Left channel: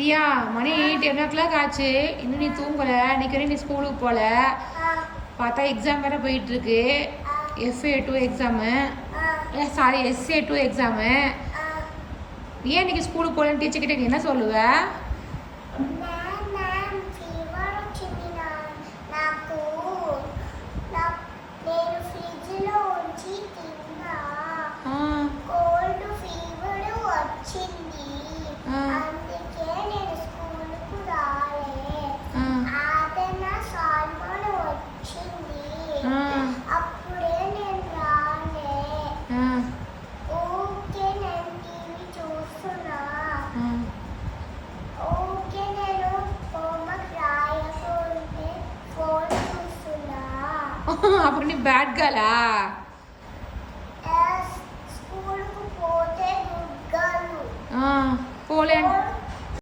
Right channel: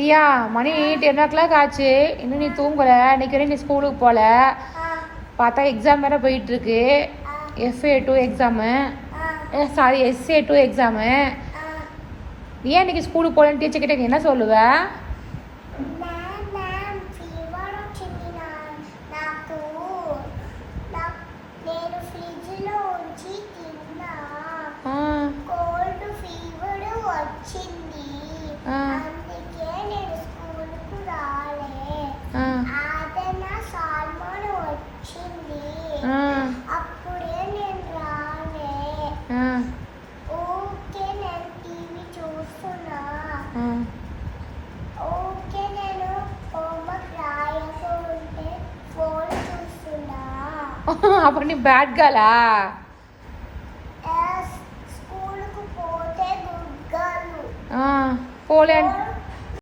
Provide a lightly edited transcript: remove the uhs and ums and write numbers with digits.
தியா மணி 10 ஆச்சு, இன்னும் நீ தூங்கலை. இன்னைக்கு வரையும் நீ ஸ்கூலுக்கு போகல. பார்த்தா எக்ஸாம் வேறு போயிட்டுருக்கு. FA2 exam, sorry SA2 exam. நீ ஏன் இன்னைக்கு ஸ்கூலுக்கு போகலன்னு டீச்சர்கிட்ட நீ என்ன சொல்லுவ? అప్పుడు నీ బ్యాడ్ గర్లా? పోలే